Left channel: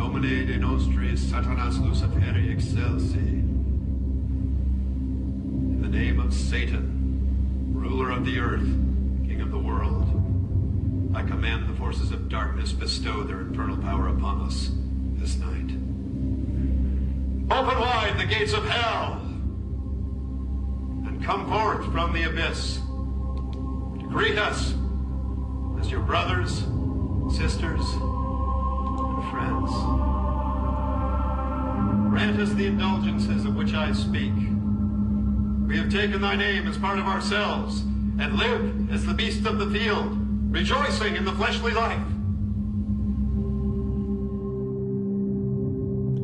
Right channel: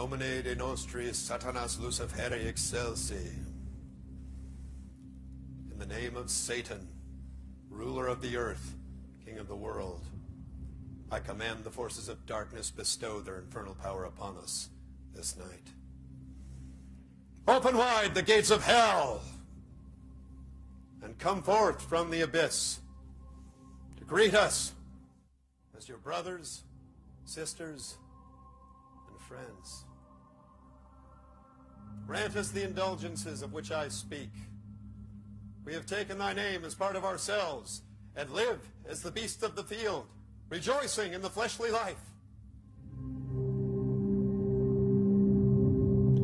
Nomine de nostris Satanas Luciferi excelsi. In the name of Satan, ruler of the earth, king of the world, I command the forces of darkness bestow their infernal power upon us this night. Open wide the gates of hell, and come forth from the abyss to greet us as your brothers, sisters, and friends. Grant us the indulgences of which I speak. We have taken thy name as part of ourselves, and live as the beasts of the field, rejoicing in the fleshly life.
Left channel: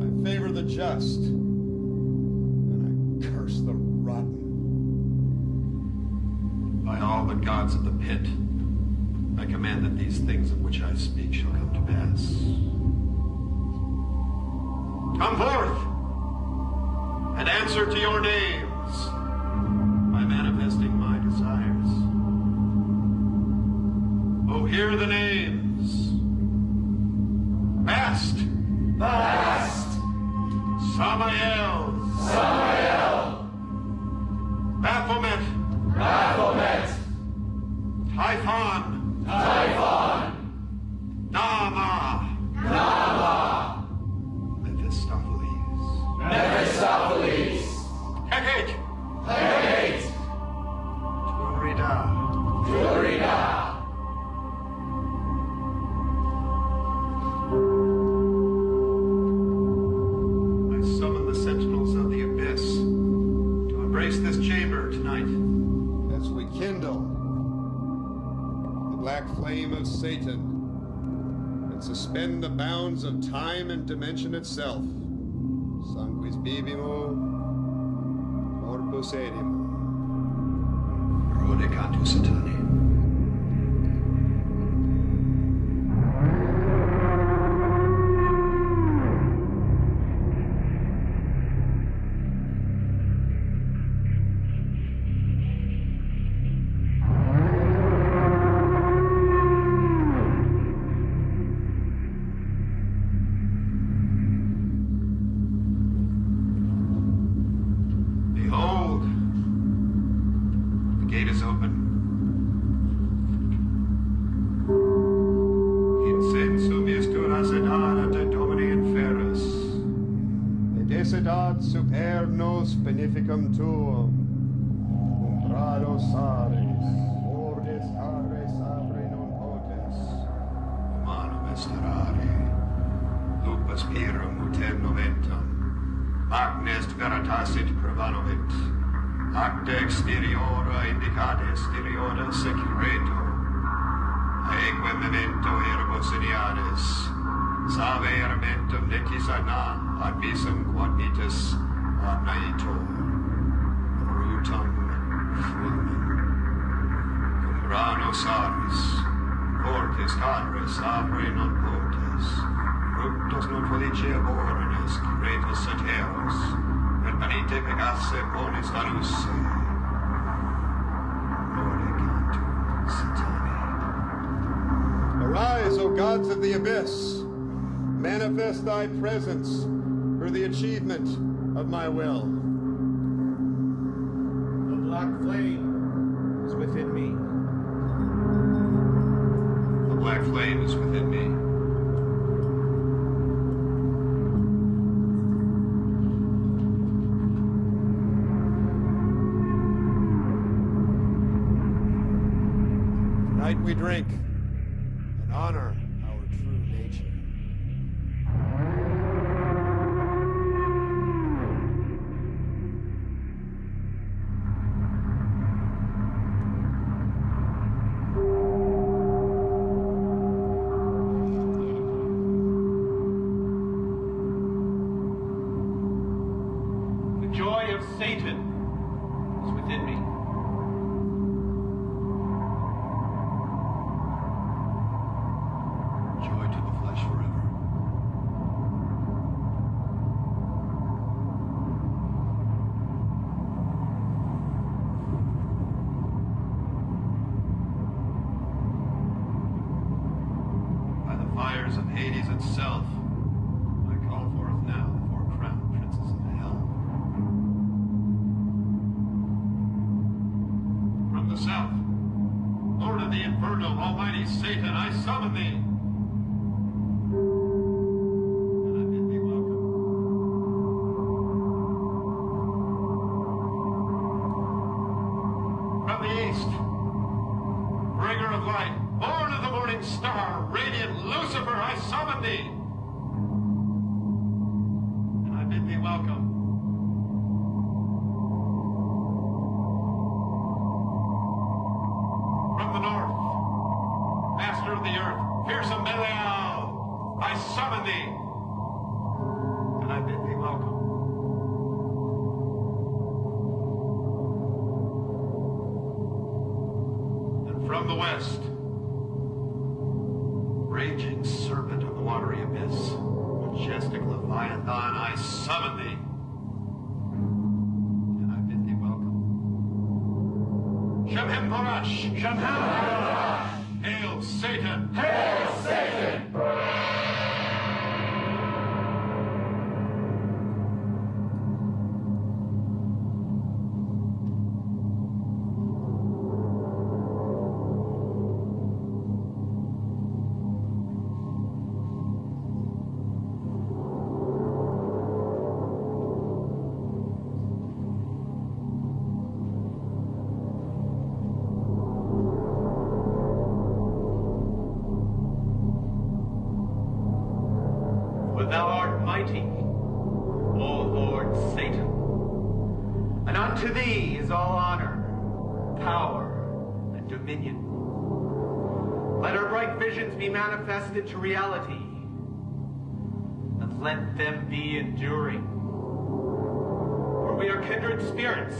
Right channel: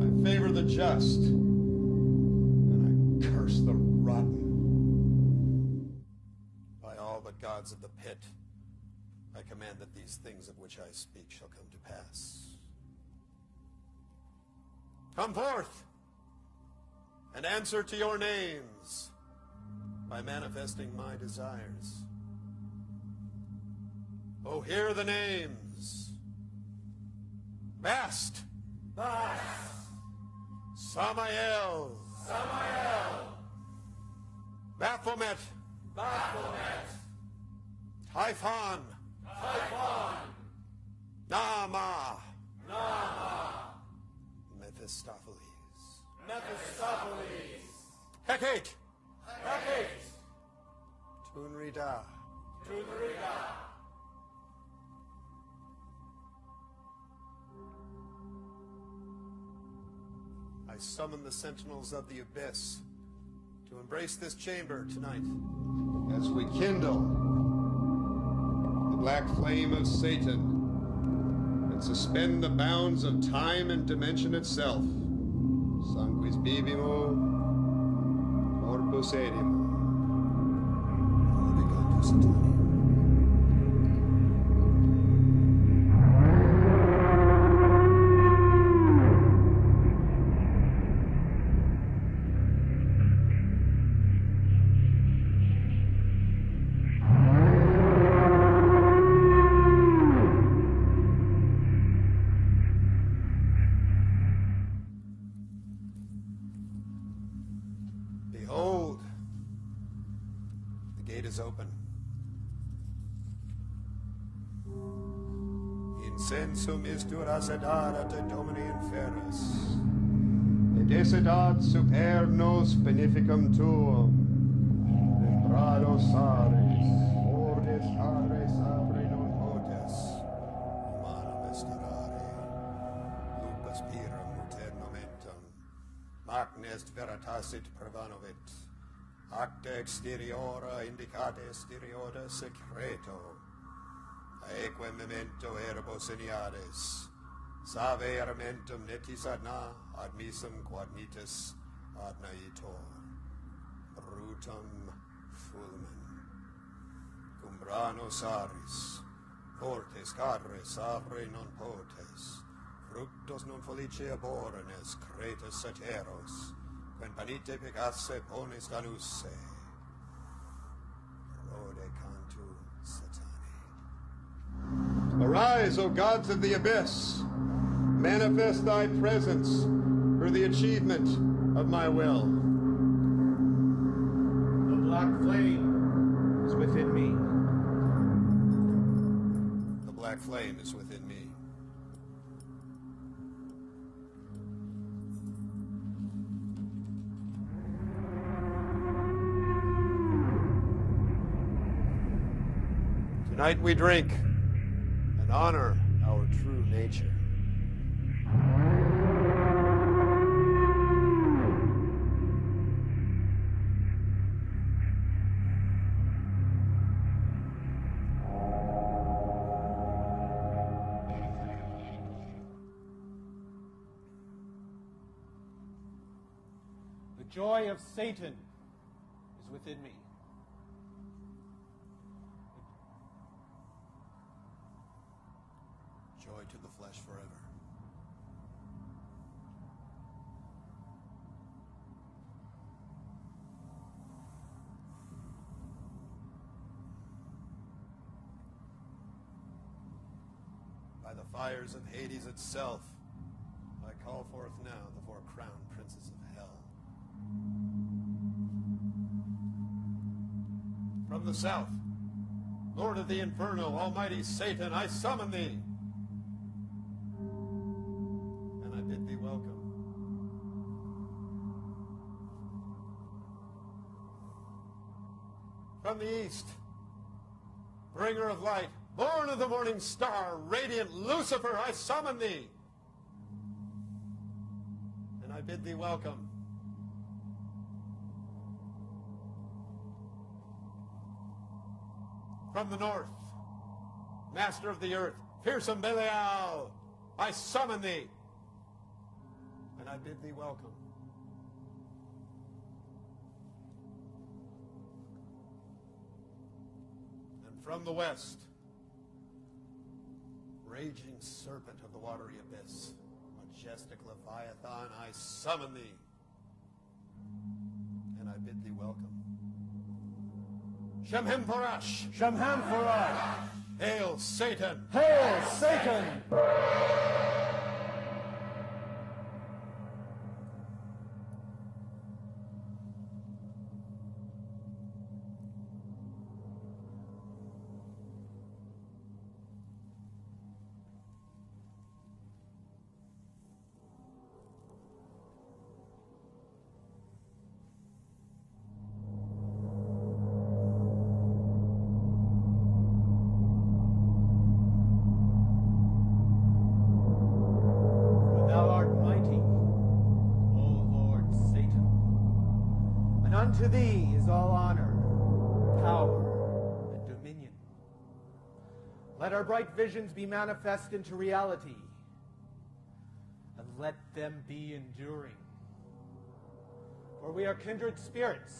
I favor the just, and I curse the rotten. By all the gods of the pit, I command that these things of which I speak shall come to pass. Come forth, and answer to your names by manifesting my desires. Oh, hear the names. Bast. Bast. Samael. Samael. Baphomet. Baphomet. Typhon. Typhon. Nama. Nama. Mephistopheles. Mephistopheles. Hecate. Hecate. Turida. Turida. I summon the sentinels of the abyss to embrace this chamber tonight as we kindle the black flame of Satan and suspend the bounds of time and dimension itself. Sanguis bibimo, corpus edimo. Rodicantu Satani. Supernos beneficum tuum, entrados ares, ordes ares abre non potes, humanum esterare, lupus pirum uterno ventum, agnes veritasit prevanovit, acta exteriora indicata exteriora secreto, aeque memento ergo sediades, salve armentum necis ana, abisum quod vitus Naitor, Rutam Fulmen, cum ranos aris, cortes cadres abre non potes, fructos non feliceabornes, cretus sateros, per panite pegasse ponis anusse, Rodicantu Satani. Arise, O gods of the abyss, manifest thy presence for the achievement of my will. The black flame is within me. The black flame is within me. Tonight we drink and honor our true nature. Of Hades itself, the infernal, almighty Satan, I summon thee. And I bid thee welcome. From the east, bringer of light, born of the morning star, radiant Lucifer, I summon thee. And I bid thee welcome. From the north, master of the earth, fearsome Belial, I summon thee. And I bid thee welcome. From the west, raging serpent of the watery abyss, majestic Leviathan, I summon thee. And I bid thee welcome. Shemhem Parash! Shemhem Parash! Hail Satan! Hail Satan! To thee is all honor, power, and dominion. Let our bright visions be manifested to reality, and let them be enduring. For we are kindred spirits,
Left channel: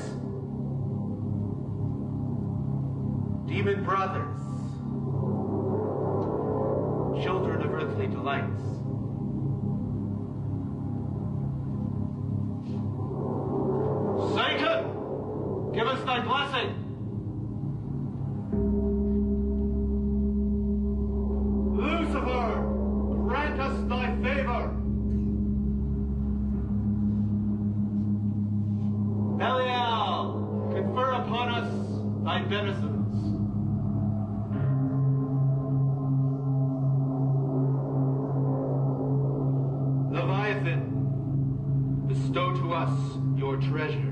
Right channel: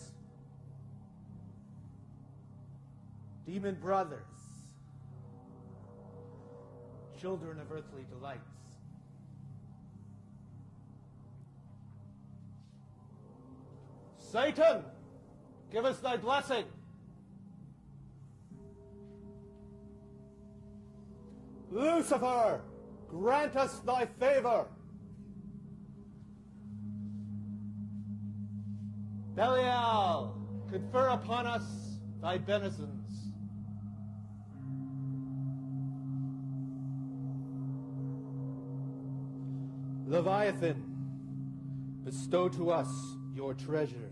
demon brothers, children of earthly delights. Satan, give us thy blessing. Lucifer, grant us thy favor. Belial, confer upon us thy beneficence. Leviathan, bestow to us your treasures.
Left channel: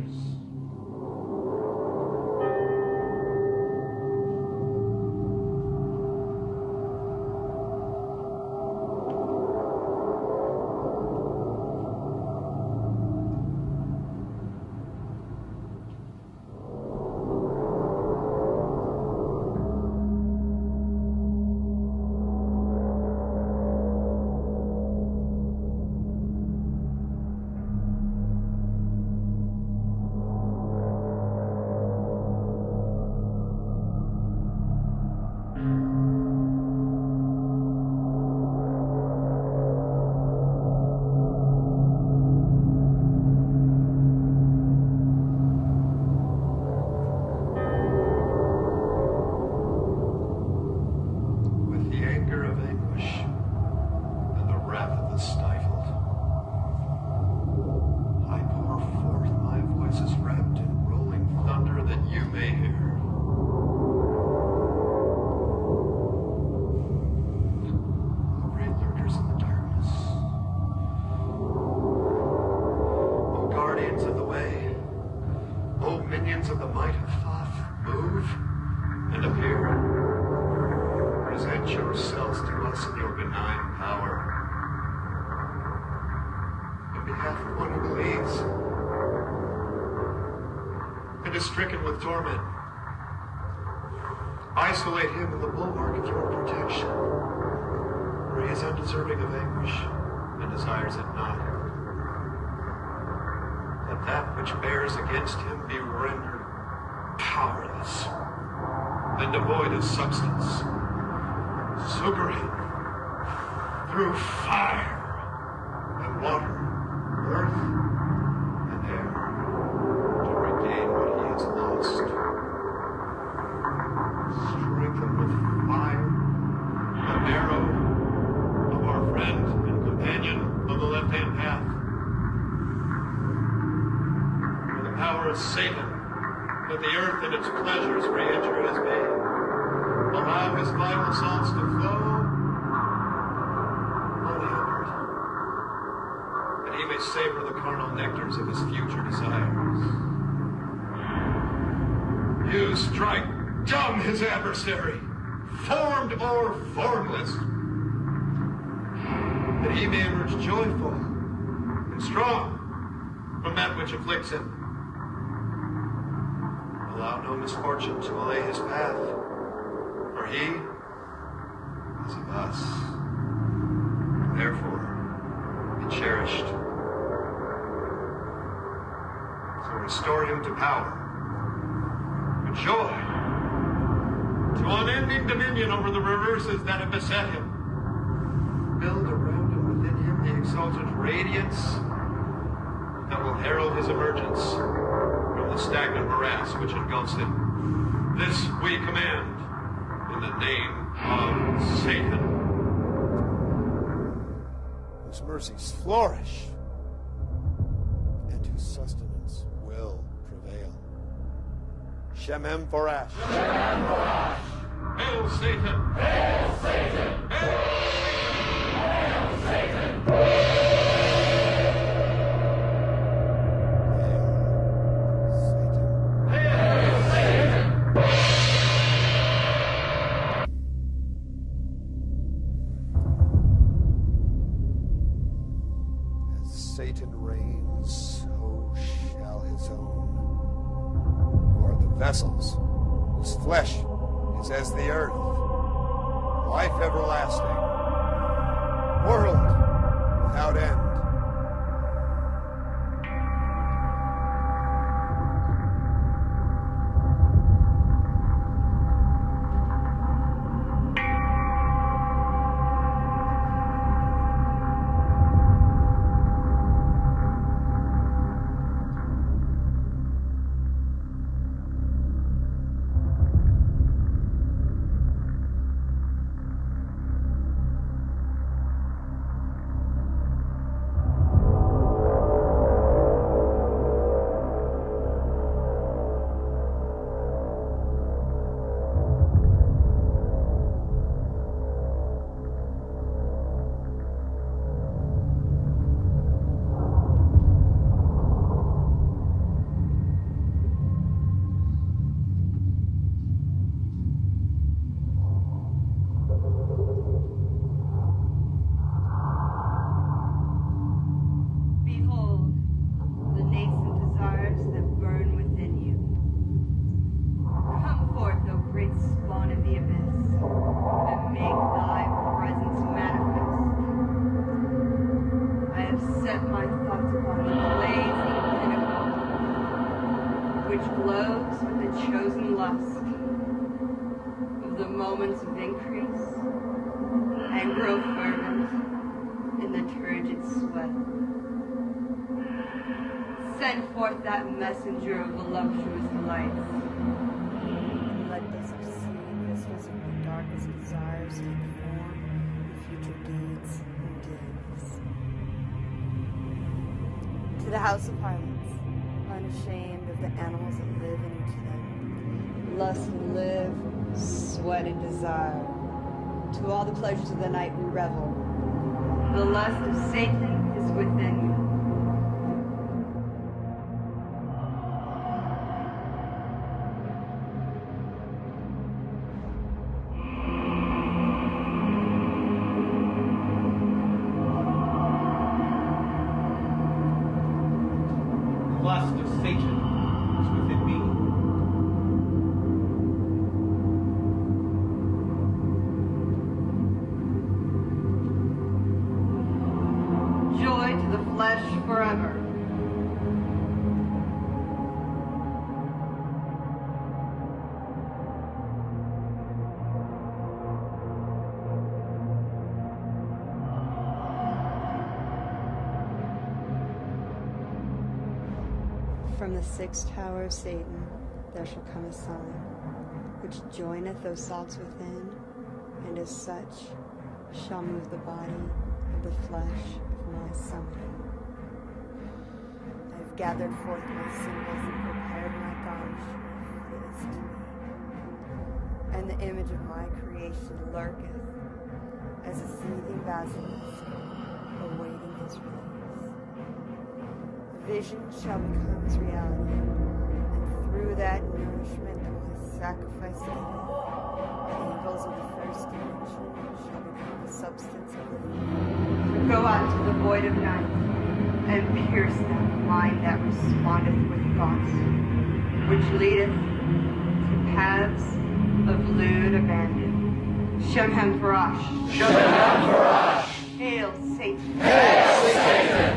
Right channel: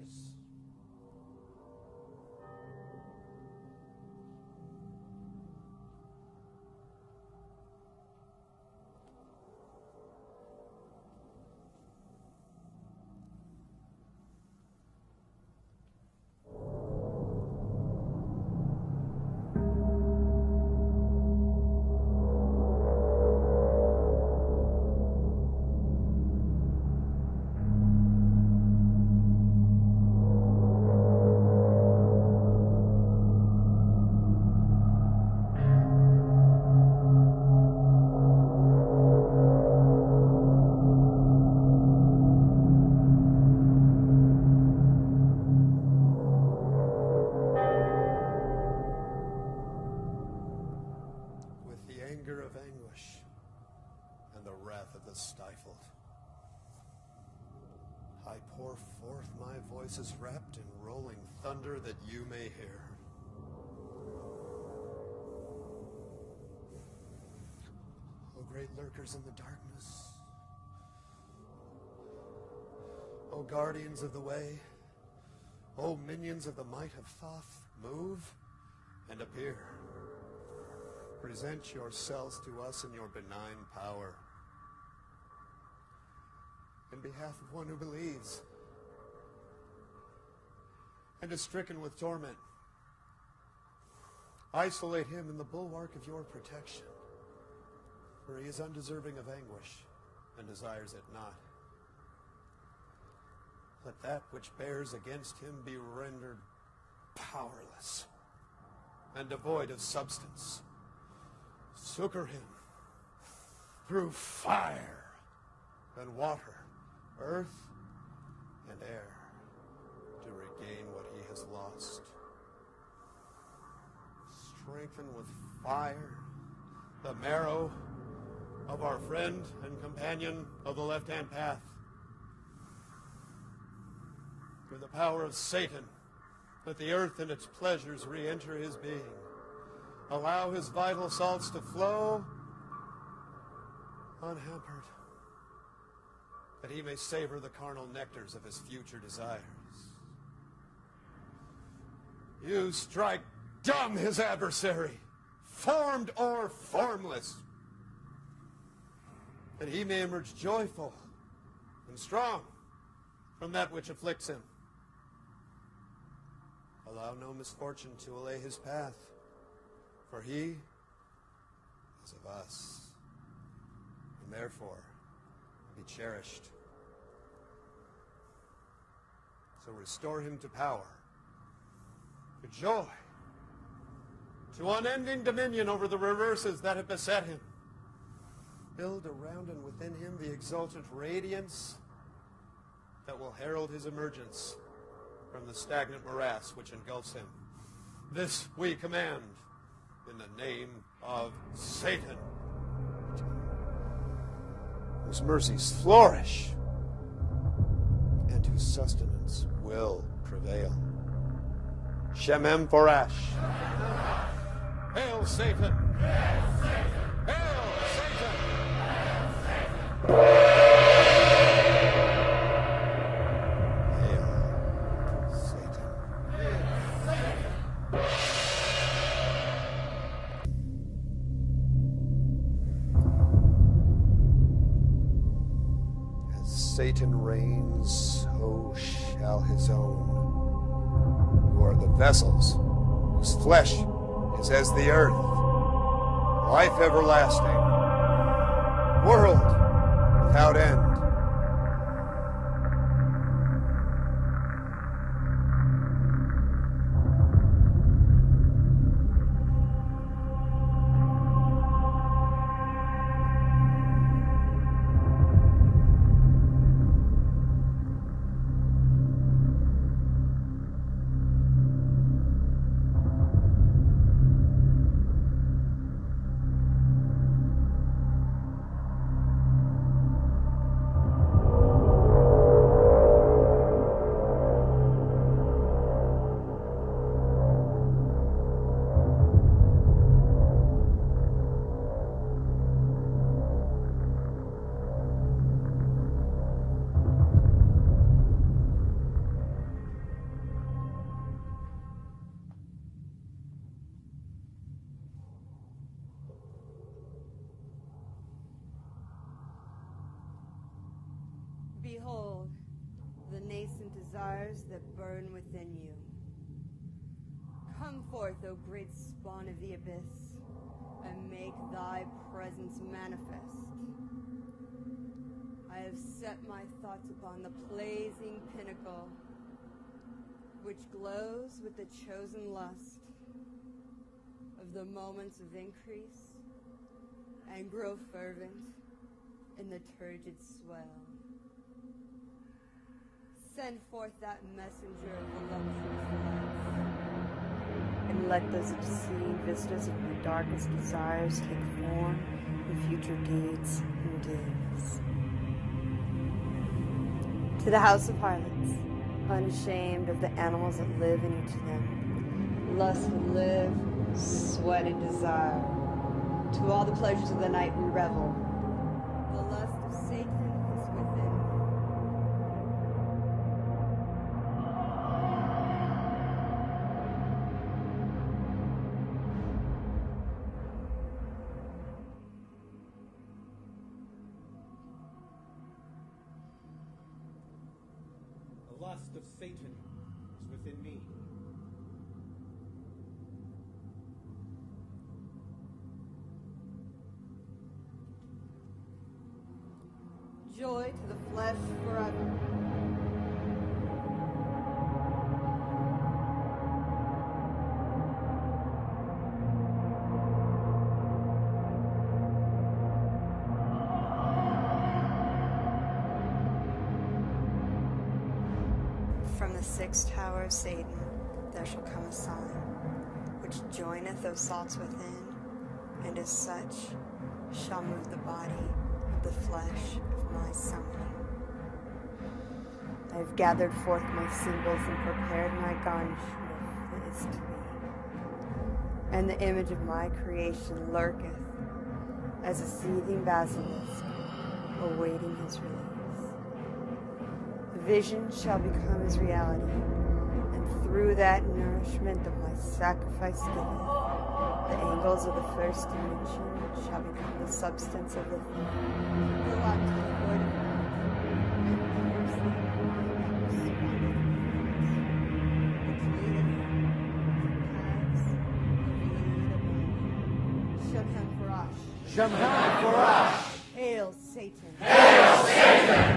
Of the might of Thoth, move and appear. Present yourselves to us in your benign power. In behalf of one who believes and is stricken with torment, isolate him in the bulwark of your protection, where he is undeserving of anguish and desires it not. Let that which bears against him be rendered powerless and devoid of substance. Succor him through fire and water, earth and air, to regain what he has lost. Strengthen with fire the arrow of our friend and companion on the left-hand path. With the power of Satan, let the earth and its pleasures re-enter his being. allow his vital salts to flow, only upward, that he may savor the carnal nectars of his future desires. You strike dumb his adversary, formed or formless, that he may emerge joyful and strong from that which afflicts him. Allow no misfortune to allay his path, for he is of us, and therefore be cherished. So restore him to power, to joy, to unending dominion over the reverses that have beset him. Build around and within him the exalted radiance that will herald his emergence from the stagnant morass which engulfs him. This we command in the name of Satan, whose mercies flourish and whose sustenance will prevail. Shemem Forash. Shemem Forash. Hail Satan! Hail Satan! Hail Satan! Hail Satan! Satan reigns, so shall his own, who are the vessels, whose flesh is as the earth, life everlasting, world without end. Of increase and grow fervent in the turgid sweat. Send forth that messenger of voluptuous lights, and let those obscene vistas of my darkest desires take form in future deeds and doings. To the house of harlots, unashamed of the animals that live in each of them, lust and live, sweat and desire. To all the pleasures of the night we revel. The lust of Satan is within you. The lust of Satan is within me. Joy to the flesh forever. From the sixth tower of Satan there shall come a sign, which joineth those salts within, and as such shall move the body of the flesh of my son. I have gathered forth my symbols and prepared my garnish that is to me. and the image of my creation lurketh as a seething basilisk, awaiting his release. The vision shall become his reality, and through that nourishment that my sacrifice giveth, the angles of the first dimension shall become the substance of the third. Go out to the void of night, and pierce that mind that respondeth with thoughts, which leadeth to paths of lewd abandon. Shemhem Parash. Shemhem Parash. Hail Satan. Hail Satan.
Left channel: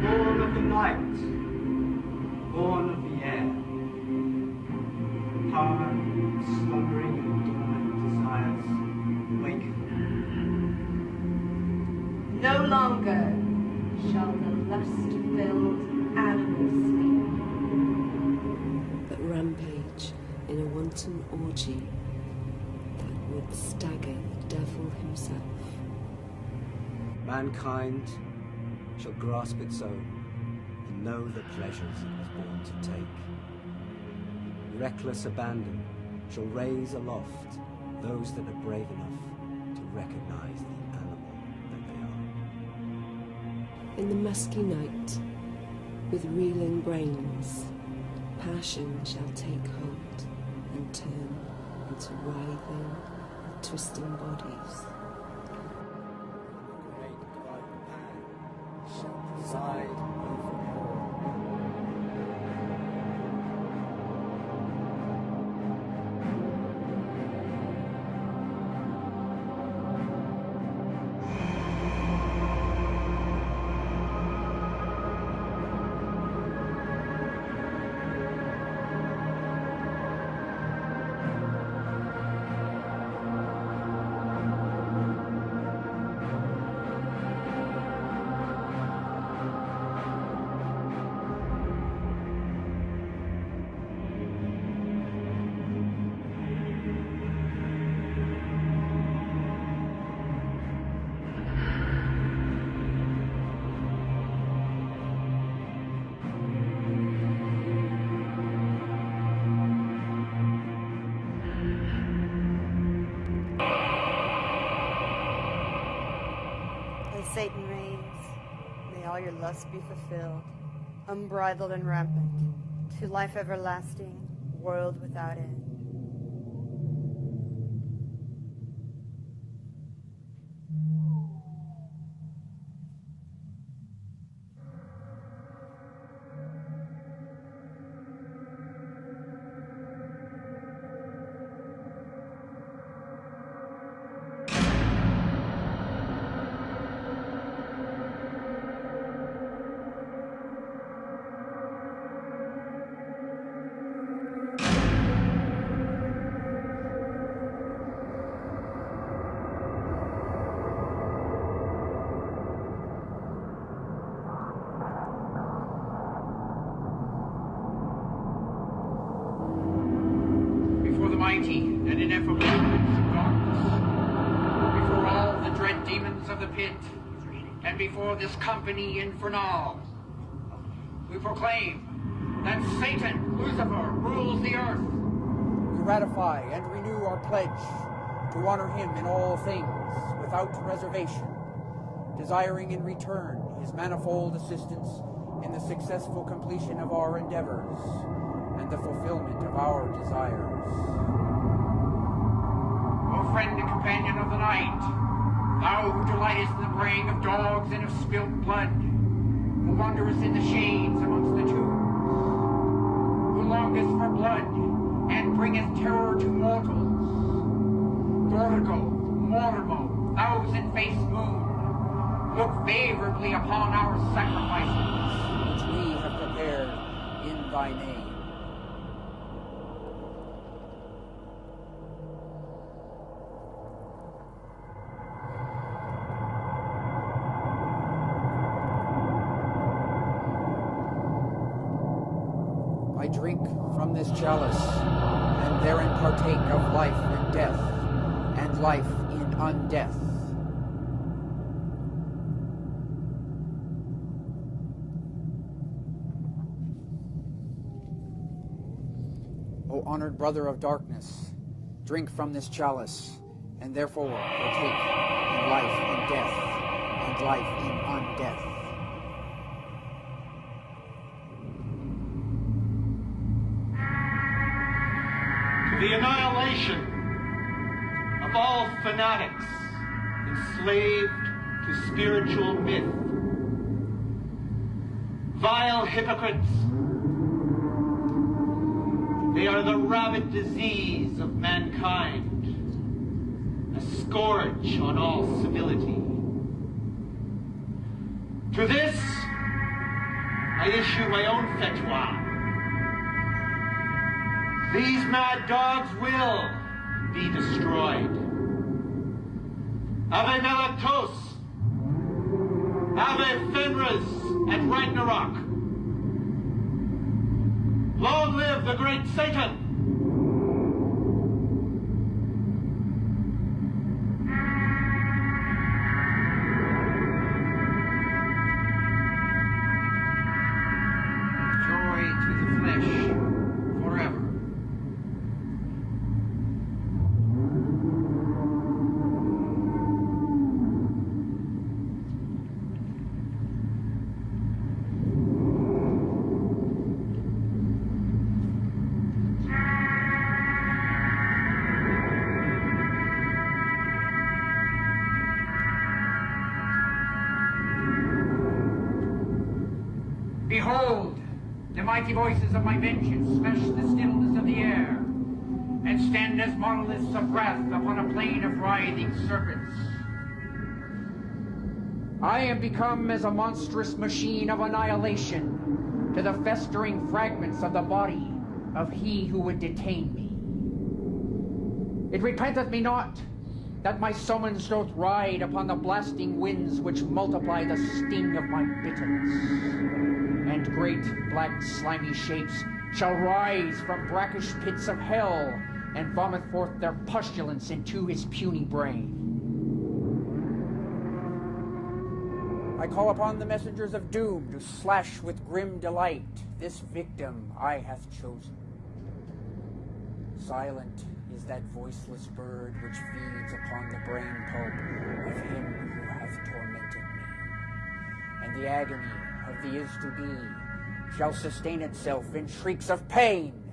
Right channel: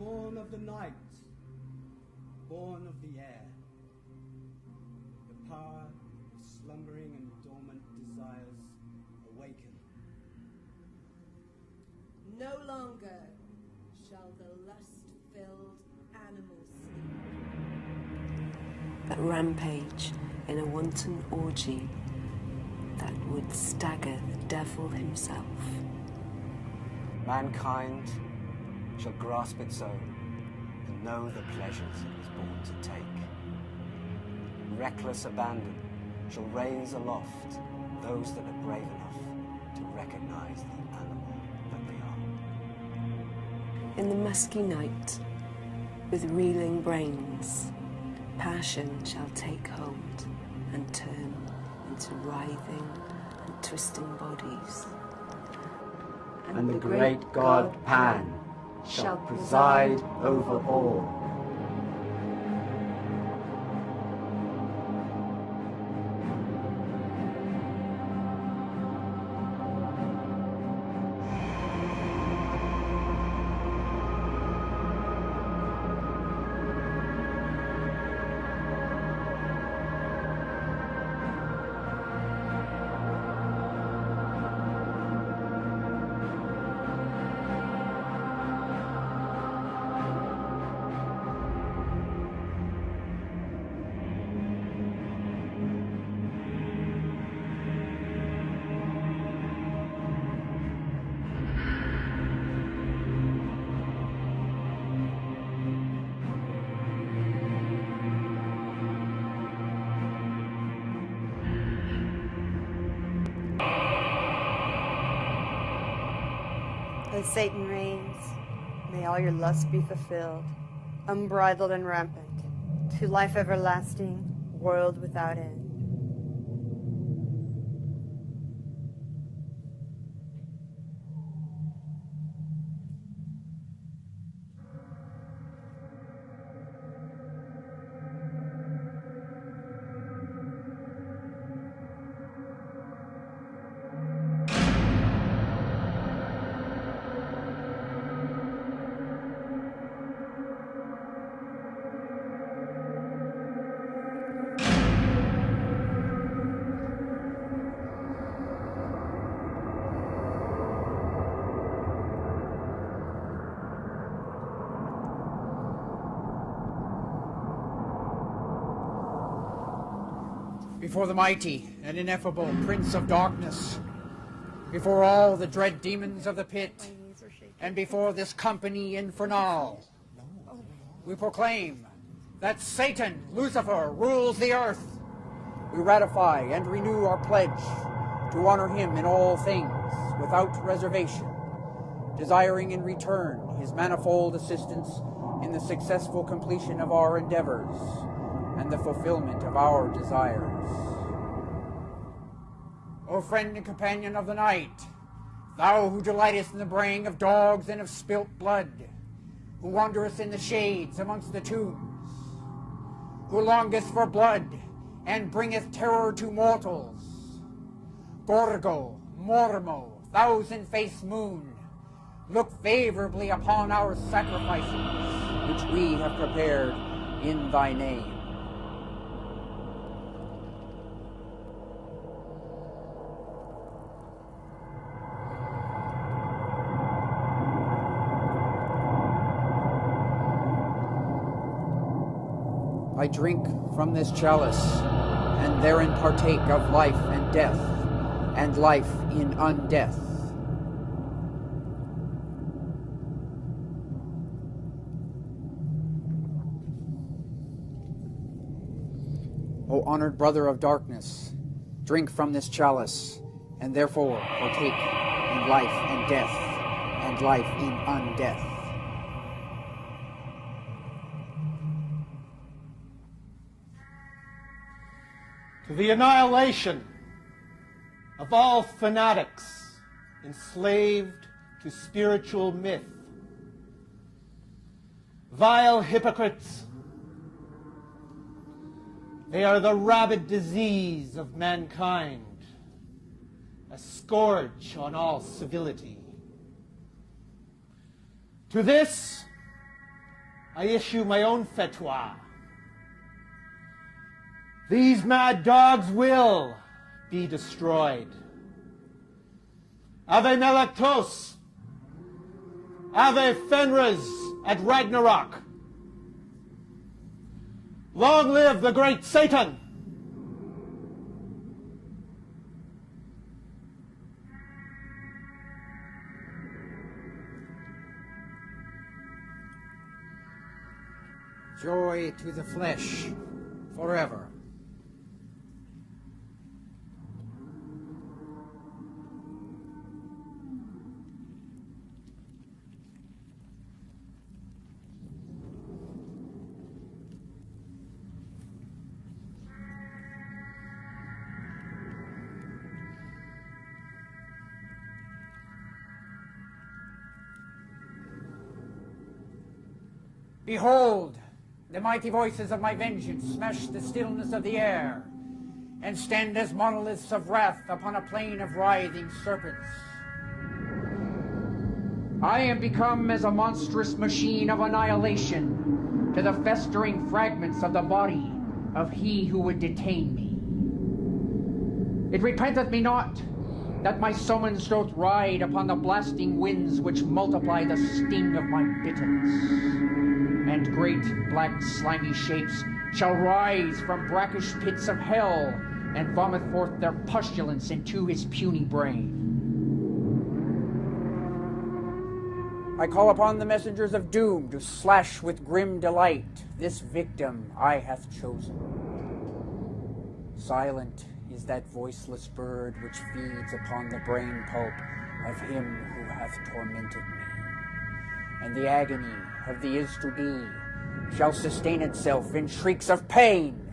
Born of the night, born of the air, power, slumbering and dormant desires, wake. No longer shall the lust-filled animal sleep. A rampage in a wanton orgy that would stagger the devil himself. Mankind shall grasp its own and know the pleasures it was born to take. Reckless abandon shall raise aloft those that are brave enough to recognize the animal that they are. In the musky night, with reeling brains, passion shall take hold and turn into writhing and twisting bodies. And the great god Pan shall preside over all. As Satan reigns, may all your lusts be fulfilled, unbridled and rampant, to life everlasting, world without end. Before the mighty and ineffable Prince of Darkness, before all the dread demons of the pit, and before this company infernal, we proclaim that Satan, Lucifer, rules the earth. We ratify and renew our pledge to honor him in all things, without reservation, desiring in return his manifold assistance in the successful completion of our endeavors and the fulfillment of our desires. O friend and companion of the night, Thou who delightest in the braying of dogs and of spilt blood, who wanderest in the shades amongst the tombs, who longest for blood and bringeth terror to mortals. Gorgo, Mormo, thousand-faced moon, look favorably upon our sacrifices, which we have prepared in thy name. I drink from this chalice, and therein partake of life and death, and life in undeath. O honored brother of darkness, drink from this chalice, and therefore partake in life and death, and life in undeath. The annihilation of all fanatics enslaved to spiritual myth. Vile hypocrites. They are the rabid disease of mankind, a scourge on all civility. To this, I issue my own fatwa. These mad dogs will be destroyed. Ave Nalactos, Ave Fenris at Ragnarok. Long live the great Satan! Joy to the flesh forever. Behold, the mighty voices of my vengeance smash the stillness of the air, and stand as monoliths of wrath upon a plain of writhing serpents. I am become as a monstrous machine of annihilation to the festering fragments of the body of he who would detain me. It repenteth me not that my summons doth ride upon the blasting winds which multiply the sting of my bitterness. And great black slimy shapes shall rise from brackish pits of hell and vomit forth their pustulence into his puny brain. I call upon the messengers of doom to slash with grim delight this victim I hath chosen. Silent is that voiceless bird which feeds upon the brain pulp of him who hath tormented me. And the agony of the is-to-be shall sustain itself in shrieks of pain,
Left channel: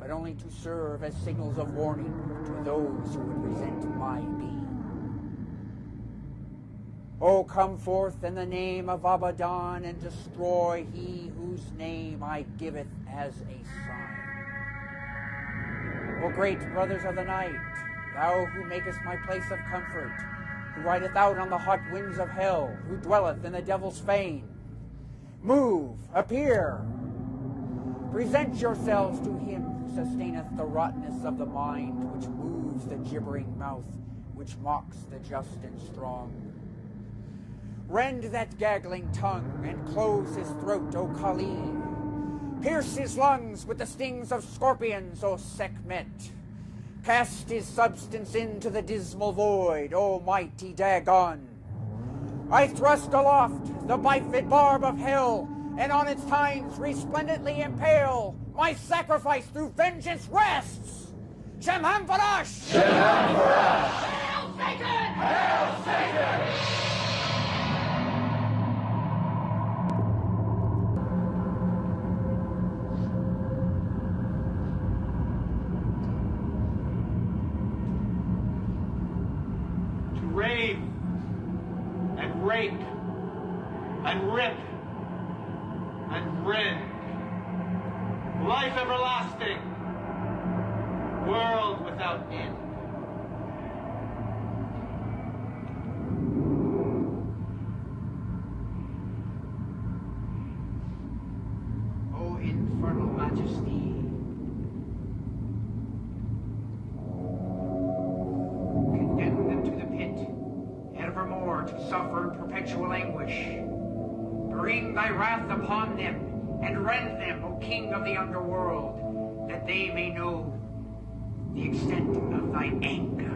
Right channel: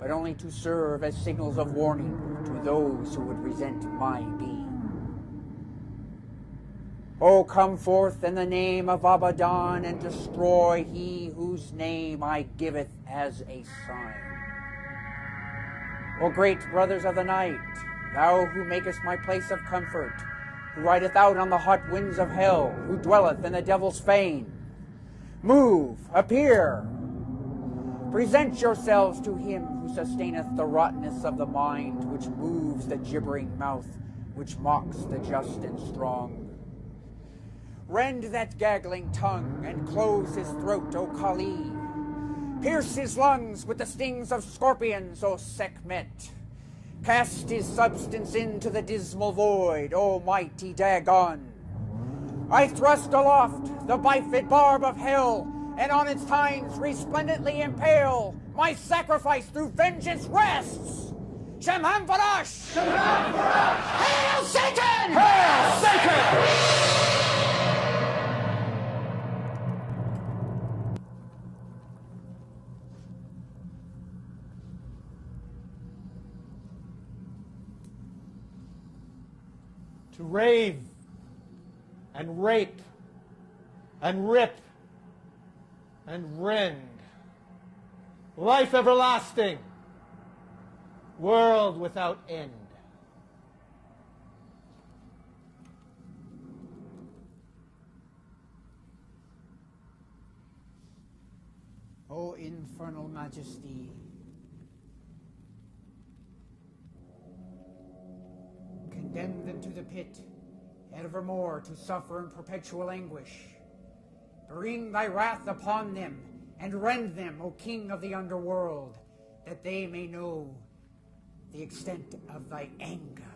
but only to serve as signals of warning to those who would resent my being. O come forth in the name of Abaddon, and destroy he whose name I giveth as a sign. O great brothers of the night, thou who makest my place of comfort, who rideth out on the hot winds of hell, who dwelleth in the devil's fane, move, appear. Present yourselves to him who sustaineth the rottenness of the mind, which moves the gibbering mouth, which mocks the just and strong. Rend that gaggling tongue, and close his throat, O Kali. Pierce his lungs with the stings of scorpions, O Sekhmet. Cast his substance into the dismal void, O mighty Dagon. I thrust aloft the bifid barb of hell, and on its tines resplendently impale my sacrifice through vengeance rests. Shemham Farash! Shemham Farash! Hail Satan! Hail Satan! Rave rape and rip and rend. Life everlasting, world without end. O infernal majesty, condemn them to the pit, evermore to suffer in perpetual anguish. Bring thy wrath upon them, and rend them, O King of the underworld, that they may know the extent of thy anger.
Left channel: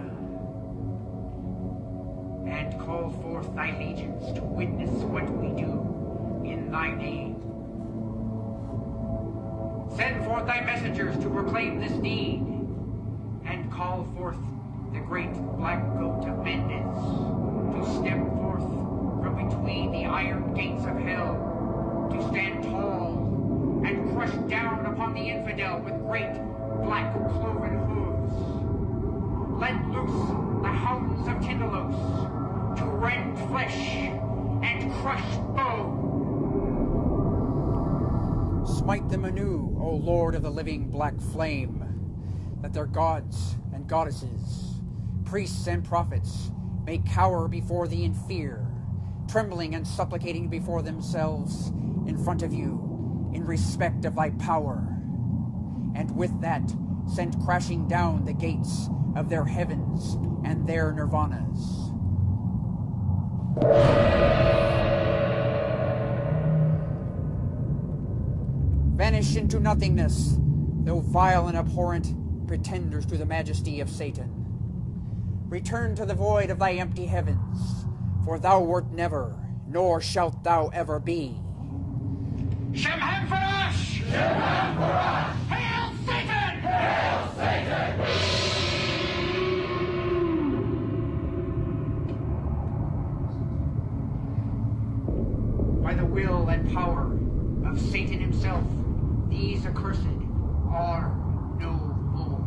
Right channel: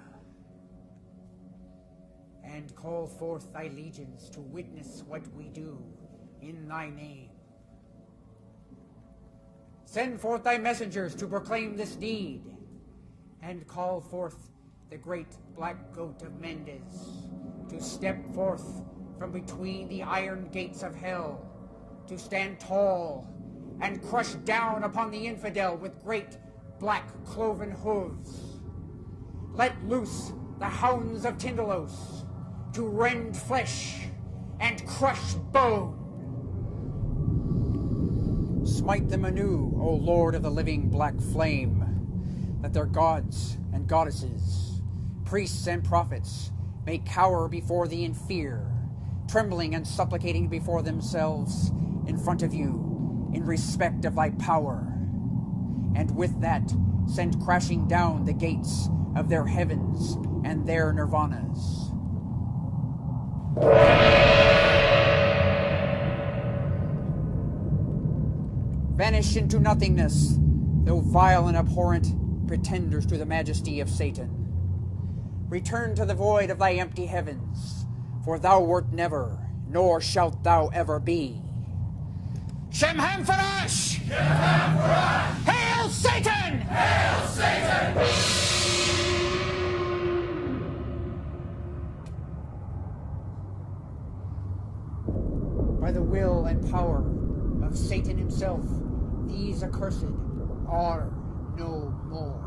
And call forth thy legions to witness what we do in thy name. Send forth thy messengers to proclaim this deed, and call forth the great black goat of Mendes to step forth from between the iron gates of hell, to stand tall and crush down upon the infidel with great black cloven hooves. Let loose the hounds of Tindalos to rend flesh and crush bone. Smite them anew, O Lord of the living black flame, that their gods and goddesses, priests and prophets, may cower before thee in fear, trembling and supplicating before themselves in front of you in respect of thy power. And with that, send crashing down the gates of their heavens and their nirvanas. Vanish into nothingness, though vile and abhorrent pretenders to the majesty of Satan. Return to the void of thy empty heavens, for thou wert never, nor shalt thou ever be. Shemham for us! Shemham for us! Hail Satan! Hail Satan! By the will and power of Satan himself, these accursed are no more.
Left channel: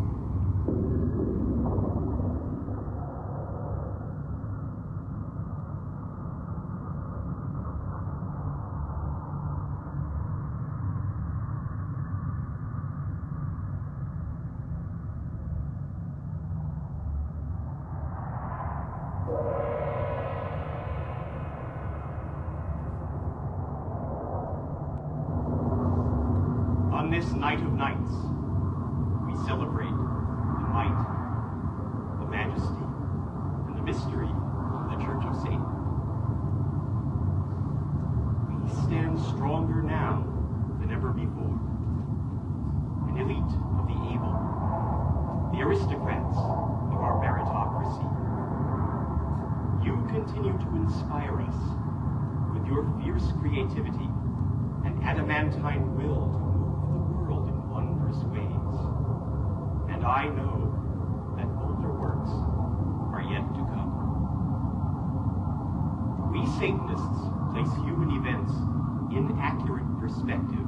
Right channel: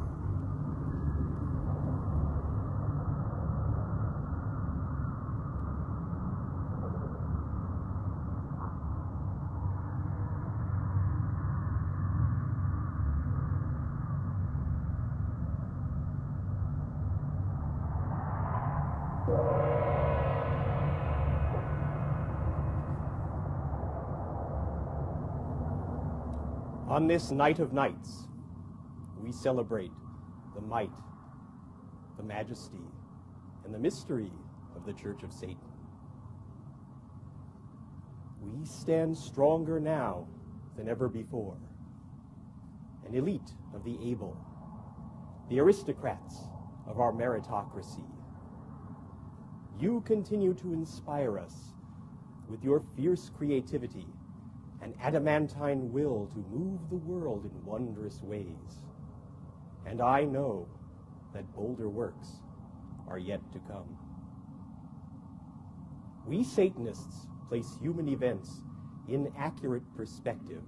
On this night of nights, we celebrate the might, the majesty, and the mystery of the Church of Satan. We stand stronger now than ever before. An elite of the able, the aristocrats of our meritocracy. You continue to inspire us with your fierce creativity and adamantine will to move the world in wondrous ways. And I know that bolder works are yet to come. We Satanists place human events in accurate perspective,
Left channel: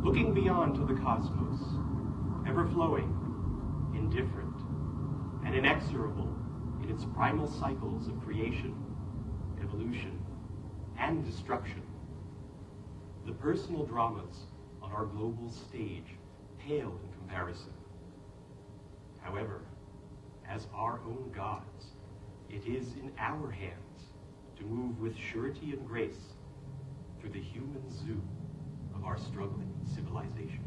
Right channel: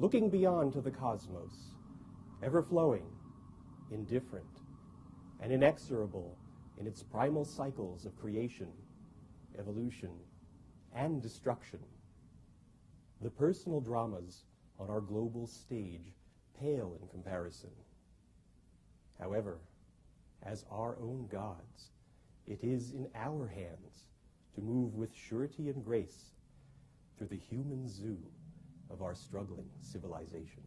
looking beyond to the cosmos, ever-flowing, indifferent, and inexorable in its primal cycles of creation, evolution, and destruction. The personal dramas on our global stage pale in comparison. However, as our own gods, it is in our hands to move with surety and grace through the human zoo of our struggling civilization.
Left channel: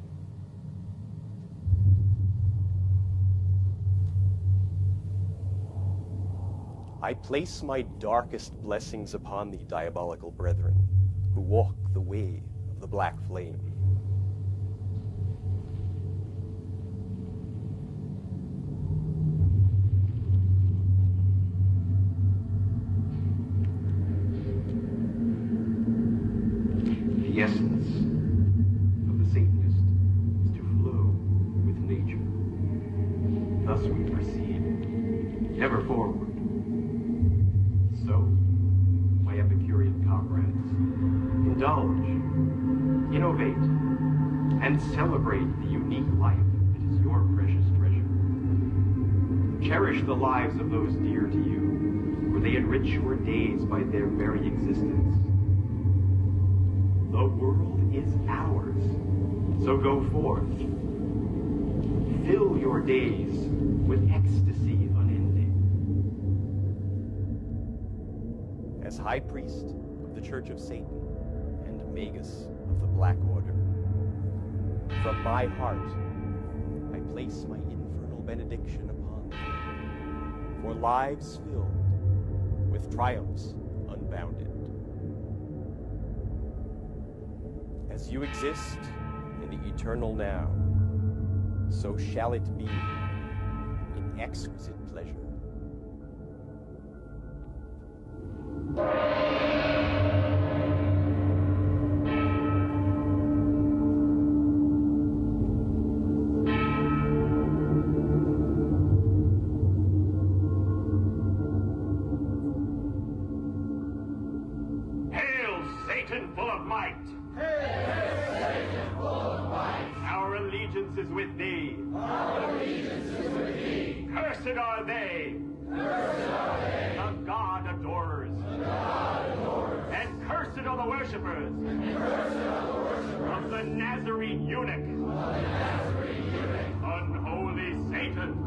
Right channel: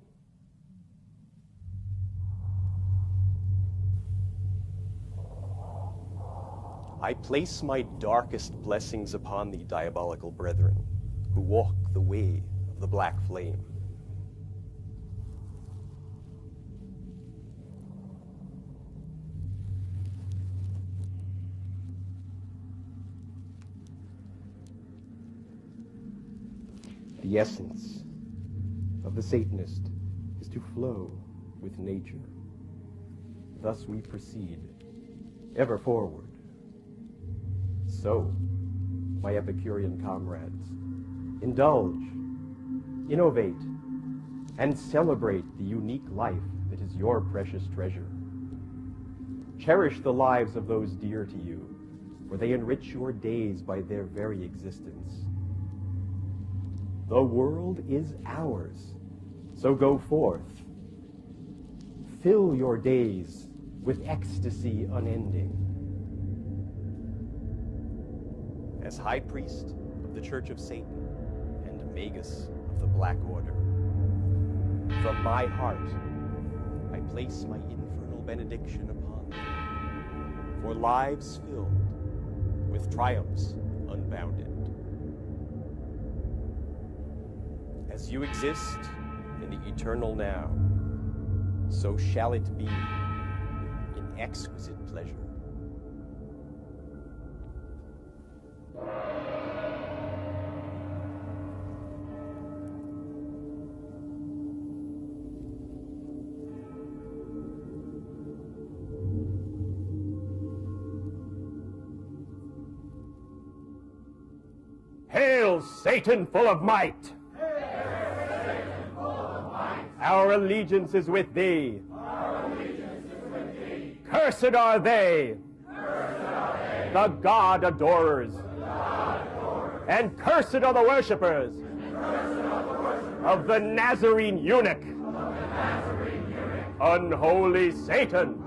I place my darkest blessings upon the diabolical brethren who walk the way of the black flame. The essence of the Satanist is to flow with nature. Thus we proceed, ever forward. So, my Epicurean comrades, indulge, innovate, and celebrate the unique life that is your precious treasure. Cherish the lives of those dear to you, for they enrich your days by their very existence. The world is ours, so go forth. Fill your days with ecstasy unending. As High Priest of the Church of Satan and Magus of the Black Order, from my heart, I place my infernal benediction upon them, for lives filled with triumphs unbounded. As you exist in the eternal now, so shall it be in exquisite pleasure. Hail, Satan full of might! Our allegiance is with thee. Cursed are they. The God adorers. And cursed are the worshippers of the Nazarene eunuch. Unholy Satan.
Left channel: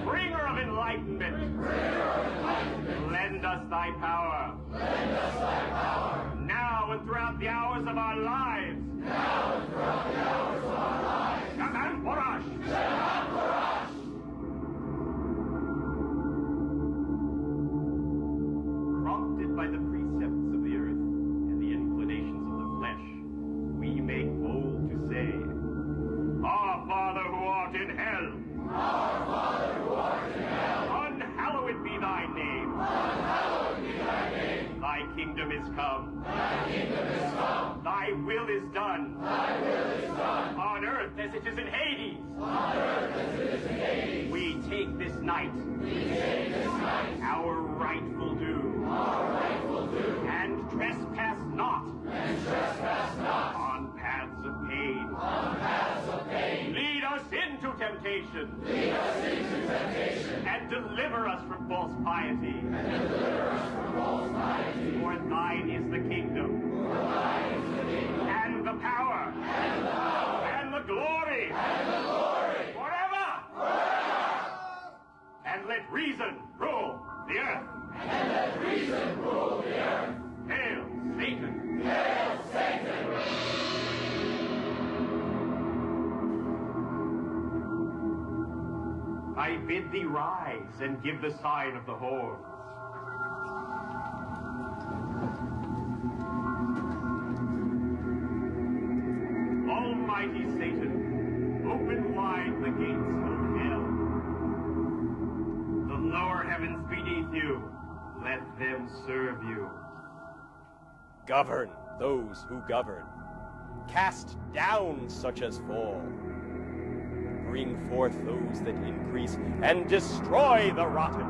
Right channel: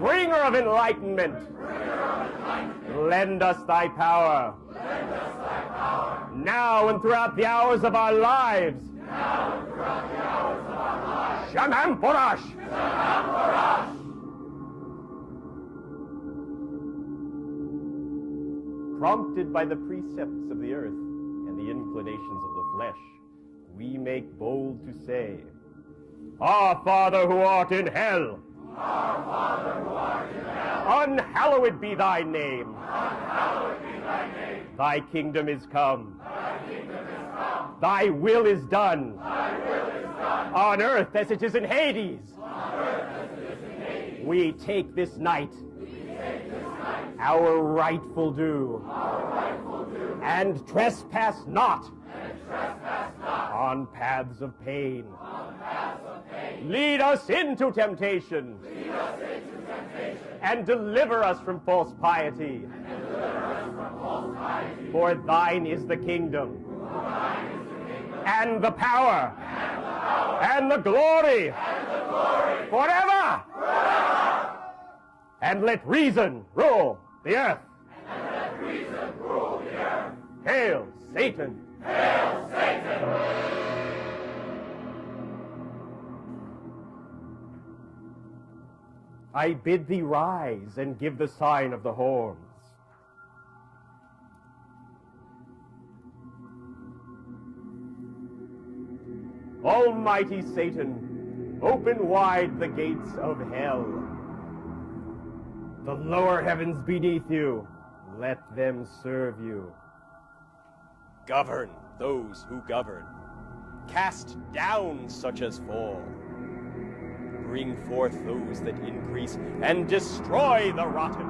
Bringer of enlightenment. Lend us thy power. Now and throughout the hours of our lives. Shaman Porash! Prompted by the precepts of the earth and the inclinations of the flesh, we make bold to say, Our Father who art in hell, Our Father who art in hell, unhallowed be thy name. Unhallowed be thy name. Thy kingdom is come. Thy kingdom is come. Thy will is done. Thy will is done. On earth as it is in Hades. On earth as it is in Hades. We take this night. We take this night. Our rightful due. Our rightful due. And trespass not. And trespass not. On paths of pain. On paths of pain. Lead us into temptation. Lead us into temptation. And deliver us from false piety. And deliver us from false piety. For thine is the kingdom. For thine is the kingdom. And the power. And the power. And the glory. And the glory. Forever. Forever. And let reason rule the earth. And let reason rule the earth. Hail, Satan! Hail, Satan! I bid thee rise and give the sign of the horns. Almighty Satan, open wide the gates of hell. The lower heavens beneath you, let them serve you. Govern those who govern. Cast down such as fall. Bring forth those that increase, and destroy the rotten.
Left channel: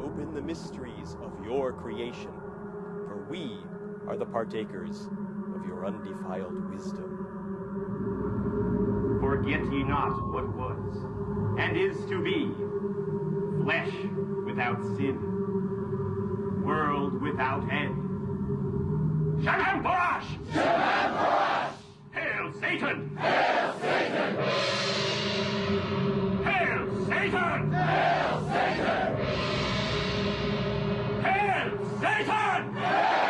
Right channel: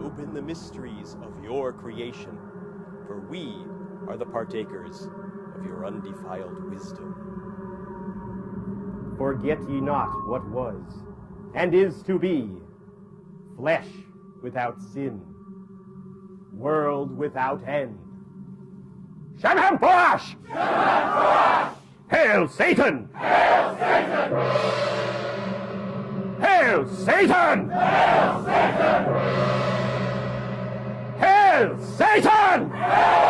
Open the mysteries of your creation, for we are the partakers of your undefiled wisdom. Forget ye not what was, and is to be, flesh without sin, world without end. Shaman Porash! Shaman Porash! Hail, Satan! Hail, Satan! Hail, Satan! Hail, Satan! Hail, Satan! Hail,